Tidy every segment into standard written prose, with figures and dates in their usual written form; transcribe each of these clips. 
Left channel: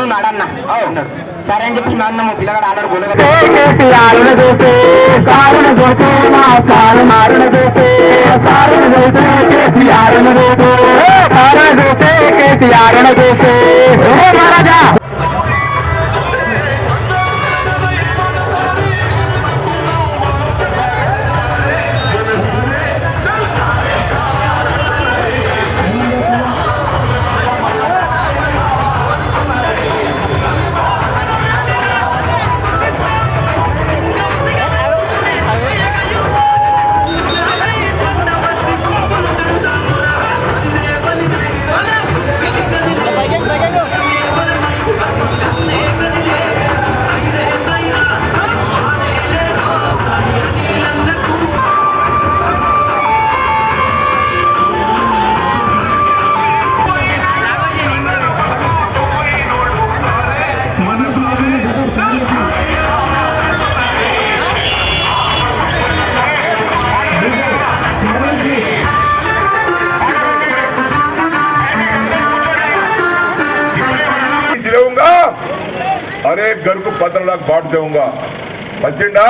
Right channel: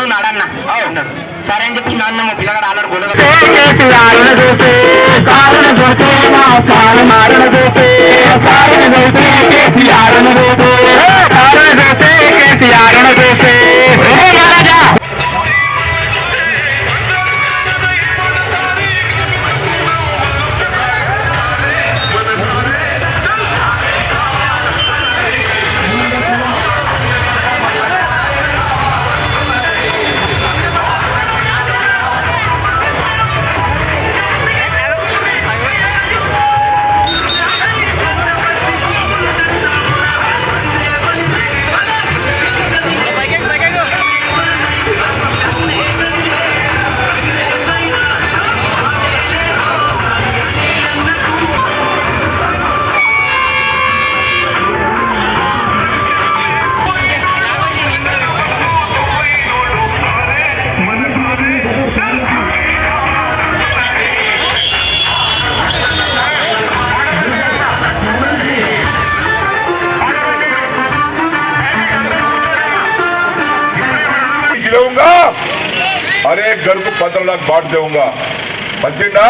నువ్వు నడన్నా అన్నాడు. సరే అని చెప్పి నాన్న మా పిల్లగాడు ఆల్రెడీ గొడవ अरे घर को 15 लाख बांट दूंगा మంచిగా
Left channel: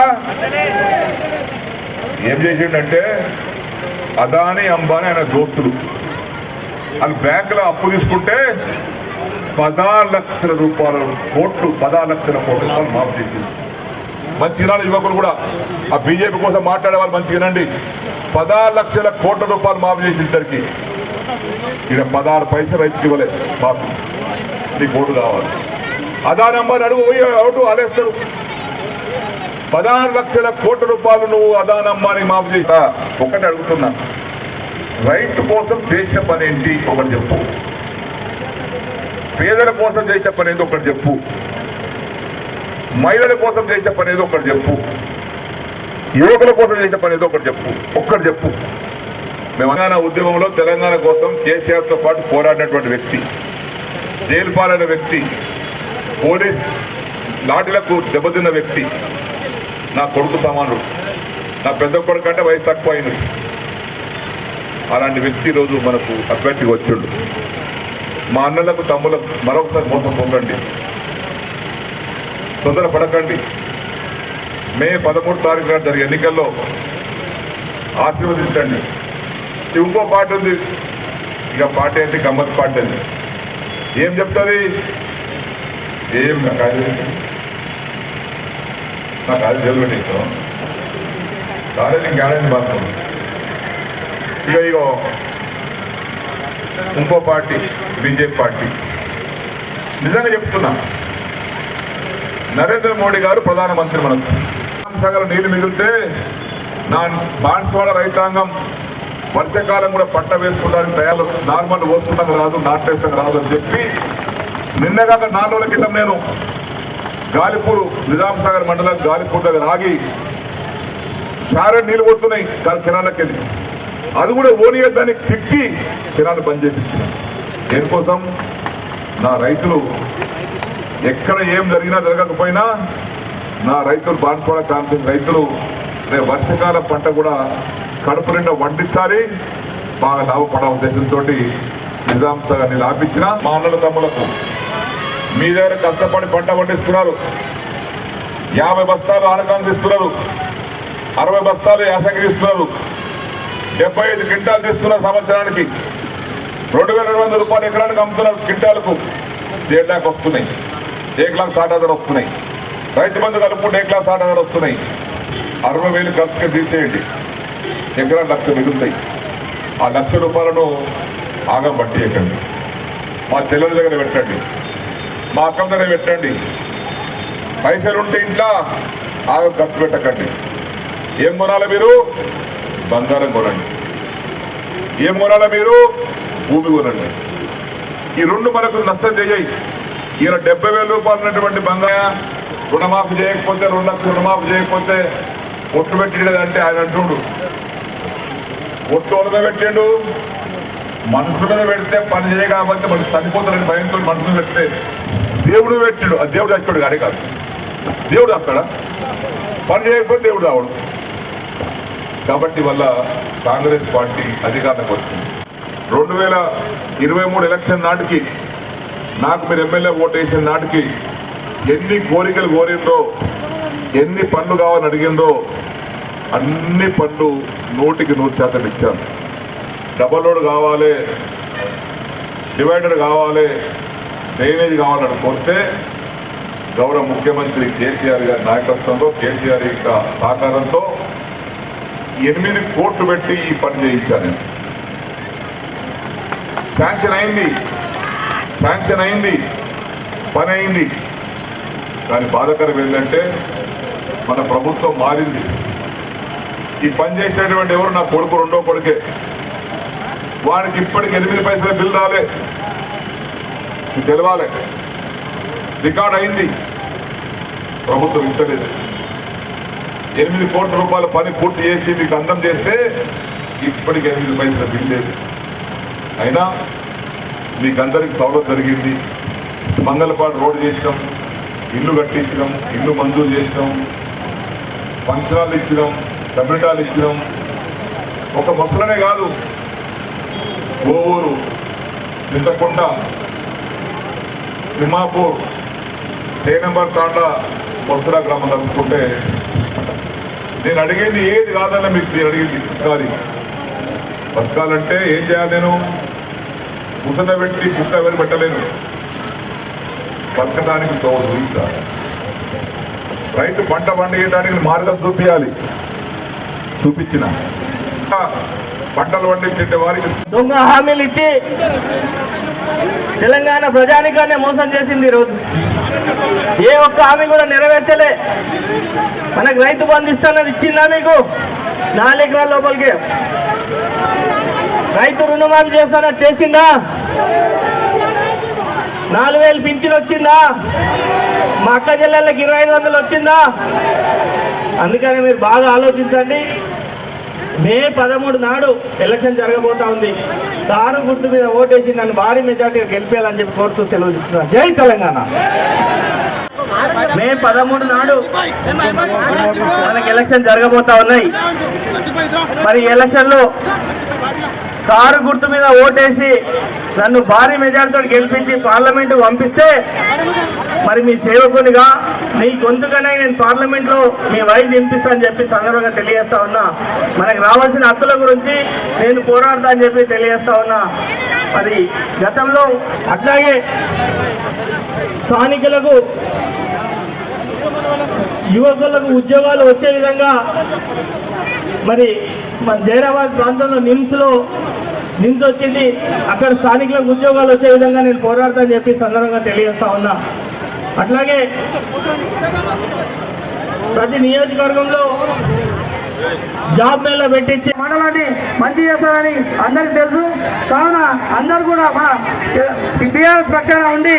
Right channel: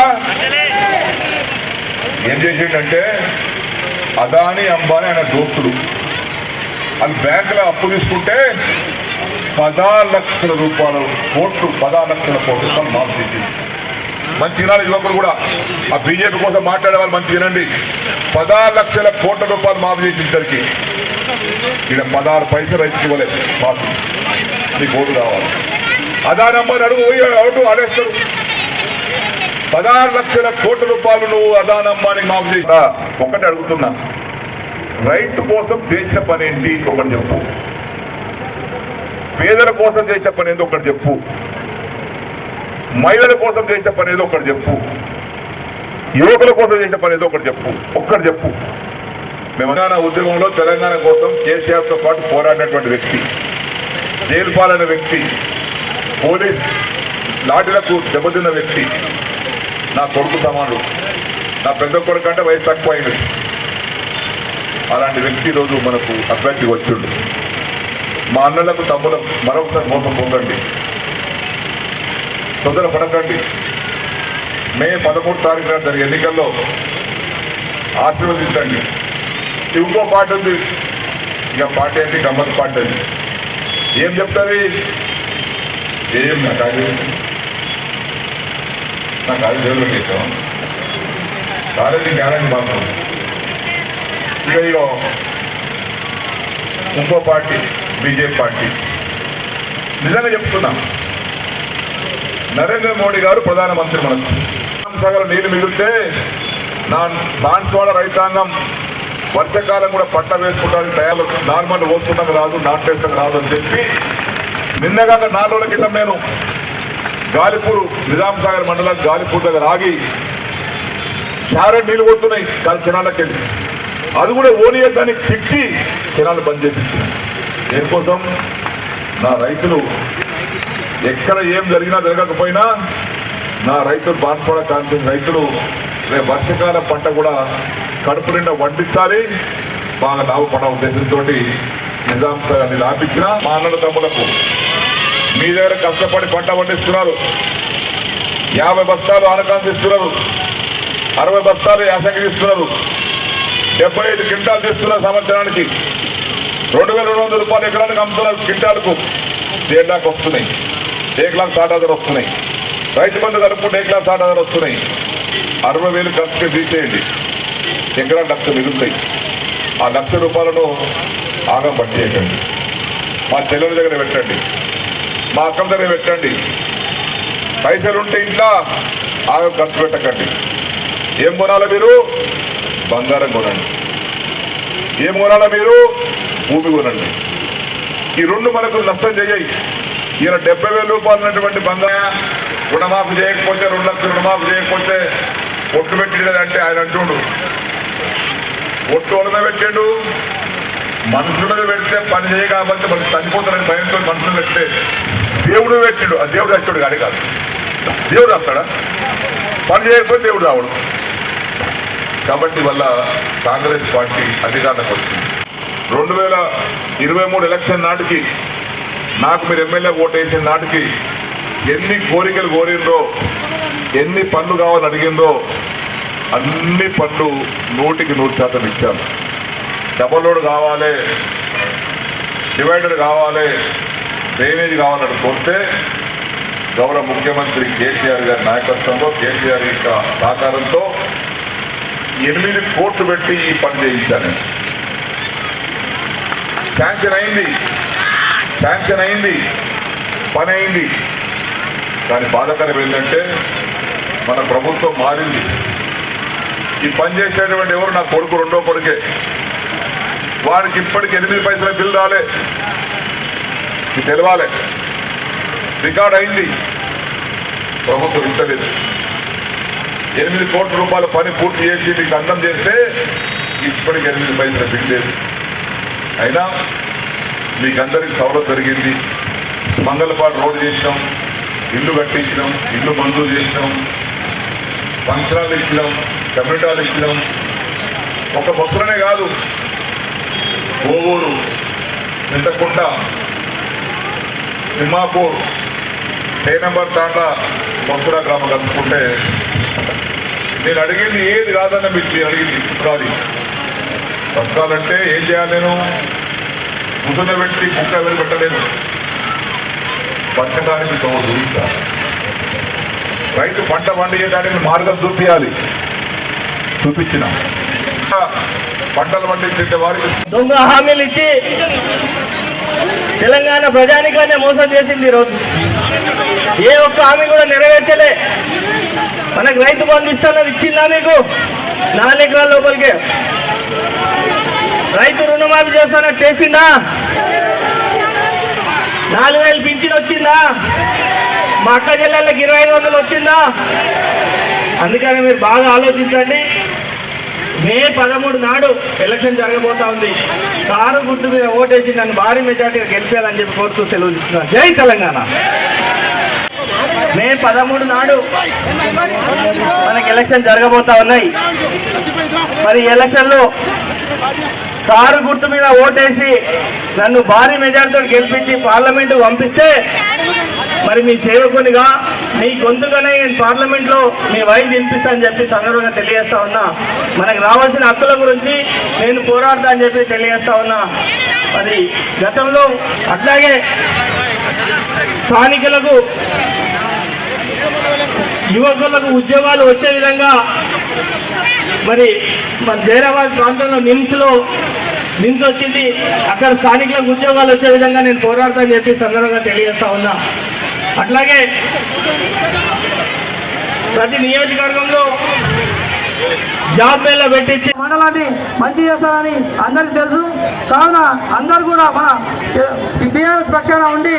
ఏం చేసిండంటే అదాని అంబానీ ఆయన దోస్తులు వాళ్ళు బ్యాంకులో అప్పు తీసుకుంటే 16 లక్షల రూపాయలు కోట్లు 16 లక్షల కోట్లు మాఫ్ చేసి మంచిగా యువకులు కూడా ఆ బీజేపీ కోసం మాట్లాడే వాళ్ళు మంచిగా వినండి 16 లక్షల కోట్ల రూపాయలు మాఫ్ చేసి ఇద్దరికి ఈయన 16 పైసలు రైతుకి ఇవ్వలేదు మాఫ్ నీకు ఓటు కావాలి అదాని అంబానీ అడుగు పోయి ఓటు ఆడేస్తారు 16 లక్షల కోట్ల రూపాయలు నువ్వు అదాని అంబానీ మాఫ్ చేస్తా ఒకటి అడుగుతున్నా రైతు కోసం చేసిన పని ఏంటి ఒకటి చెప్పు పేదల కోసం చేసిన పని ఏదో ఒకటి చెప్పు మహిళల కోసం చేసిన పని ఏదో ఒకటి చెప్పు యువకుల కోసం చేసిన పని ఏదో ఒకటి చెప్పు ఒక్కటి చెప్పు తెలంగాణ ఉద్యమంలో తెలంగాణ కోసం కేసీఆర్తో పాటు పోరాడినటువంటి వ్యక్తి జైలు పాలైన వ్యక్తి పోలీస్ లాఠీలకు దెబ్బతిన్న వ్యక్తి నా కొడుకు సమానుడు నా పెద్ద కొడుకు అంటే వయసు తక్కువ అయినది అలాంటి వ్యక్తి ఈరోజు మనకు అభ్యర్థిగా వచ్చిండు మా అన్నలకు తమ్ములకు మరొకసారి మోసం పొందండి తొందర పడకండి మే 13 తారీఖు నాడు జరిగే ఎన్నికల్లో ఆశీర్వదించండి ఇంకో పార్టీ ఉంది ఇక పార్టీ అంటే గమ్మత్ పార్టీ అది ఏం చెప్తుంది ఏం నాకు అది జరుగుతుంది కాలేజీ కాలేజీ మాత్రం ఇక ఇంకో పార్టీ బీజేపీ పార్టీ నిజంగా చెప్తున్నా నరేంద్ర మోడీ గారు ప్రధానమంత్రి మనకు సగల నీళ్లు మిగిలితే నా బాన్స్వాడ రైతాంగం వర్షకాలం కూడా పంట వేసుకోవడానికి తయారు నార్మల్ పోసుకుంటాం రాదు నాటేస్తాం రాదు అని చెప్పి నిన్నగా 4 రోజుల క్రితం నేను గాలిపూర్ నిజాం సాగర్ మండలం గాలిపూర్ దగ్గర ఆగి సారే నీళ్ళు కొడుతున్నాయి దాని కెనాల్లోకి వెళ్ళి అది కూడా ఓనియద్దని తిట్టి కెనాలు బంద్ చేపించినాను దేనికోసం నా రైతులు ఎక్కడ ఏం జరిగినా జరగకపోయినా నా రైతులు బాన్స్వాడ కాన్ఫరెన్స్ రైతులు రేపు వర్షకాల పంట కూడా కడుపు నిండా వండించాలి బాగా లాభపడ ఉద్దేశంతో నిజాం సాగర్ని లాపించిన మా అన్నల తమ్ములకు మీ దగ్గర కష్టపడి పంట పండిస్తున్నారు 50 బస్తాలు ఆనకాంక్ష ఇస్తున్నారు 60 బస్తాలు యాసంగి ఇస్తున్నారు 75 క్వింటాలు తీస్తున్నారు సంవత్సరానికి 2200 రూపాయలు ఎకరానికి అమ్ముతున్నారు క్వింటాలకు 1.5 లాఖ వస్తున్నాయి 1,60,000 వస్తున్నాయి రైతు బంధు కలుపుకుంటే 1,60,000 వస్తున్నాయి 60,000 ఖర్చుగా తీసేయండి ఎకరా 1,00,000 మిగులుతాయి ఆ 1,00,000 రూపాయలను ఆగం పట్టేయకండి మా చెల్లెల దగ్గర పెట్టండి మా అక్కల దగ్గర పెట్టండి పైసలు ఉంటే ఇంట్లో ఆగం ఖర్చు పెట్టకండి ఏం కొనాలి మీరు బంగారం కొనండి ఏం కొనాలి మీరు భూమి కొనండి ఈ రెండు మనకు నష్టం చేయాయి ఈయన 70,000 రూపాయలు ఉన్నటువంటి బంగారం రుణమాఫీ చేయకపోతే 2 లక్షలు రుణమాఫీ చేయకపోతే ఒట్టు పెట్టిండు కదంటే ఆయన అంటుండు ఒట్టు మీద పెట్టిండు మనుషుల మీద పెడితే పని చేయ కాబట్టి మనకు చనిపోతారని భయంతో మనుషులు పెడితే దేవుడు పెట్టిండు ఆ దేవుడు వచ్చాడు కానీ కాదు దేవుడు వస్తాడా పని చేయకపోతే దేవుడు రావడు కాబట్టి వల్ల కాంగ్రెస్ పార్టీ అధికారంలోకి వచ్చింది 2023 ఎలక్షన్ నాటికి నాకు మీరు ఎమ్మెల్యే ఓటు వేసిన నాటికి ఎన్ని కోరికలు కోరిందో, ఎన్ని పనులు కావాలని అడిగిందో అన్ని పనులు 100% ఇచ్చాను. డబల్ రోడ్ కావాలి, డివైడర్ కావాలి, డ్రైనేజ్ కావాలని కోరితే గౌరవ ముఖ్యమంత్రి కేసీఆర్ గారి నాయకత్వంలో, కేసీఆర్ యొక్క సహకారంతో 8 కోట్లు పెట్టి ఈ పని చేయించాను. శాంక్షన్ అయింది, పని అయింది. కానీ బాధాకరం ఏంటంటే మన ప్రభుత్వం మారింది. ఈ పని చేసేటువంటి ఎవరు నా కొడుకు, రెండో కొడుకే. వాడికి ఇప్పటికి 8 పైసల బిల్లు రాలే. ఇది తెలవాలి. రికార్డ్ అయింది, ప్రభుత్వం ఇస్తలేదు. 8 కోట్ల రూపాయల పని పూర్తి చేసి మీకు అందం చేస్తే ఇప్పటికి 8 పైసల బిల్లు లేదు. అయినా మీకందరికి సౌలభ్యం జరిగింది. మంగళపాడు రోడ్డు చేసినాం, ఇల్లు కట్టించినాం, ఇల్లు మంజూరు చేసినాం, ఫంక్షనాలు ఇచ్చినాం, కమ్యూనిటాలు ఇచ్చినాం. ఒక బస్సులనే కాదు, కోవూరు, చింతకొండ, తిమ్మాపూర్, నెంబర్ తాండా, బస్సుల గ్రామం కలుపుకుంటే నేను అడిగింది ఏది కాదన్న మీకు మీరు అడిగింది కాదు. బతకాలంటే ఏం చేయాలి? నేను ముసల పెట్టి కుక్క వెళ్ళి పెట్టలేను. బతకడానికి తోడు రైతు పంట పండించడానికి మార్గం చూపించిన పంటలు పండించే వారికి దొంగ హామీలు ఇచ్చి తెలంగాణ ప్రజానికాన్ని మోసం చేసింది. ఈరోజు ఏ ఒక్క హామీ కూడా నెరవేర్చలే. మనకు రైతు బంధు ఇస్తానని ఇచ్చిందా? మీకు 4 ఎకరాల లోపలికి రైతు రుణమాఫీ చేస్తానని చేసిందా? 4,000 పింఛన్ వచ్చిందా? మా అక్క చెల్లెళ్ళకి 2,500 వచ్చిందా? అందుకని మీరు బాగా ఆలోచించండి. మే 13 నాడు ఎలక్షన్ జరగబోతా ఉంది. కారు గుర్తు మీద ఓటేసి నన్ను భారీ మెజార్టీగా గెలిపేయాలని చెప్పి కోరుతూ సెలవు ఇస్తున్నాను. జై తెలంగాణ. మే 13 నాడు మనకి ఎలక్షన్ జరగబోతా ఉన్నాయి. మరి ఎలక్షన్లో కారు గుర్తు మీద ఓటేసి నన్ను భారీ మెజార్టీతో గెలిపించి పార్లమెంటు పంపిస్తే మరి మీ సేవకునిగా మీ గొంతుగానే నేను పార్లమెంట్లో మీ వాయిస్ వినిపిస్తానని చెప్పి సందర్భంగా తెలియజేస్తా ఉన్నా. మనకు రావాల్సిన హక్కుల గురించి నేను పోరాడతా అని చెప్పి తెలియజేస్తా ఉన్నా. మరి గతంలో అట్లాగే స్థానికులకు, యువకులకు ఉద్యోగాలు వచ్చే విధంగా మరి మన జైరాబాద్ ప్రాంతంలో నిమ్స్ వచ్చింది. అక్కడ స్థానికులకు ఉద్యోగాలు వచ్చే విధంగా నేను పోరాడతా అని చెప్పి సందర్భంగా తెలియజేస్తా ఉన్నా. అట్లాగే ప్రతి నియోజకవర్గంలో జాబ్ మేళ పెట్టించి మండలాన్ని మంచి చేస్తారని అందరికి తెలుసు. కావున అందరూ కూడా మన టీఆర్ఎస్ పక్షాన ఉండి